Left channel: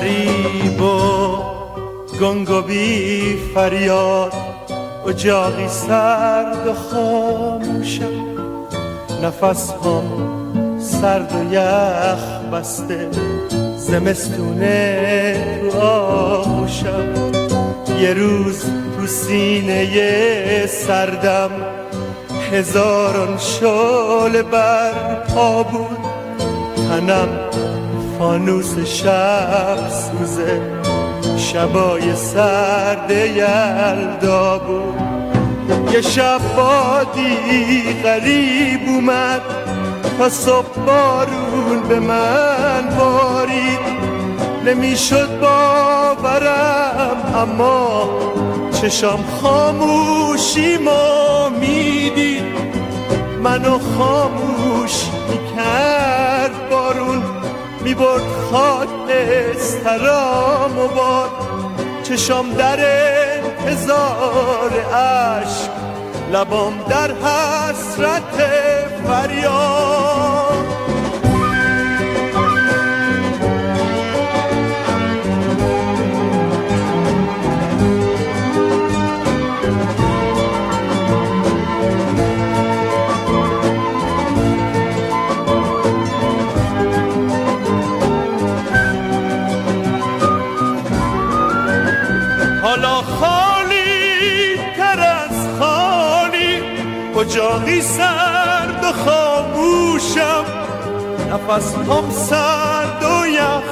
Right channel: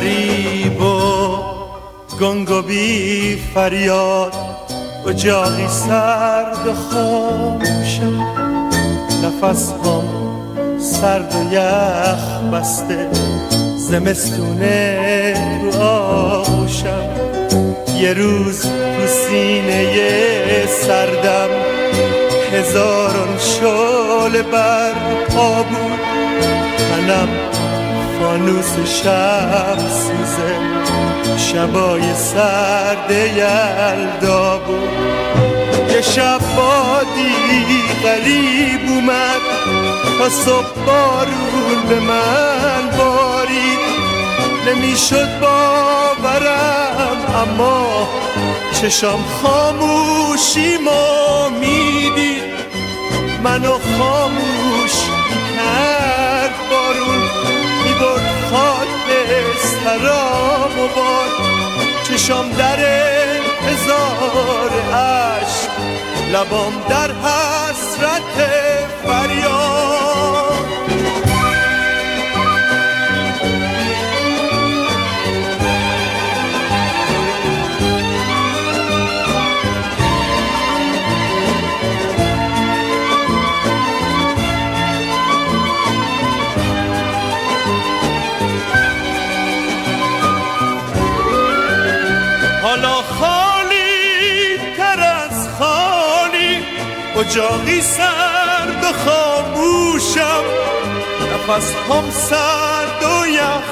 غریب و گنگ و بی فریاد، اجاقی سرد و خاموشم، نفس هم سرد و یخ بسته، زمستونه تو آغوشم. یه روز تو سینه سردم هزاران شعله بر پا بود، تنم فانوس شب سوزه، شبای سرد یلدا بود. یه شب بادی غریب اومد، تا صبح بارون به من بارید، نمیشد باورم اما چشام خاموشیمو میدید، منو خاموش کرد بارون، میبرد خاکسترام و باد، چشام در انتظار عشق، لبام در حسرت فریاد. حالا خالی تر از خالی، اجاقی سرد و خاموشم، نفس هم سرد و یخ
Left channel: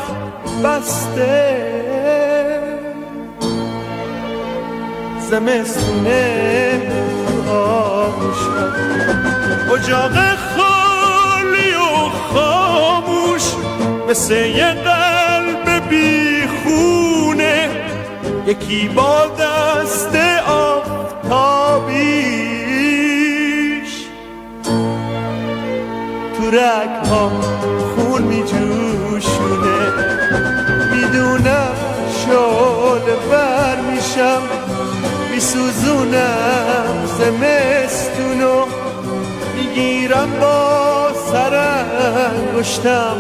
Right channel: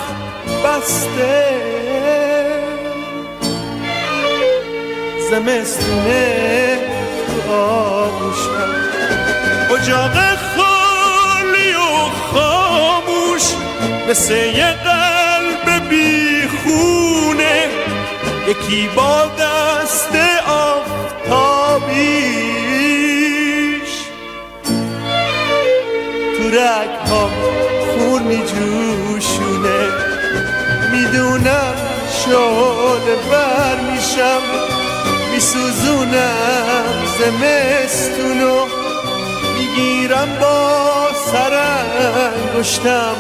بسته، زمستونه تو آغوشم. اجاق خالی و خاموش، مثل یه قلب بی خونه، یکی با دست آفتابیش، تو رگ‌هام خون می جوشونه. میدونم شعله ور میشم، میسوزونم زمستونو، میگیرم با سرانگشتم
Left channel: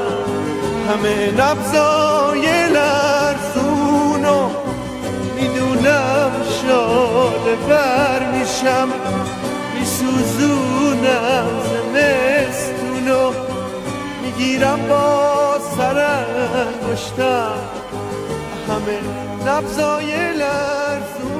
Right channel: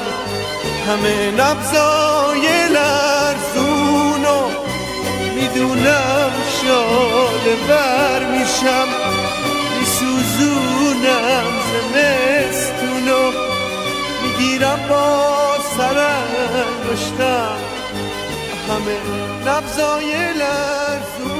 همه نبضای لرزونو. میدونم شاله بر میشم، میسوزونم زمستونو، میگیرم با سرانگشتم همه نبضای لرزونو.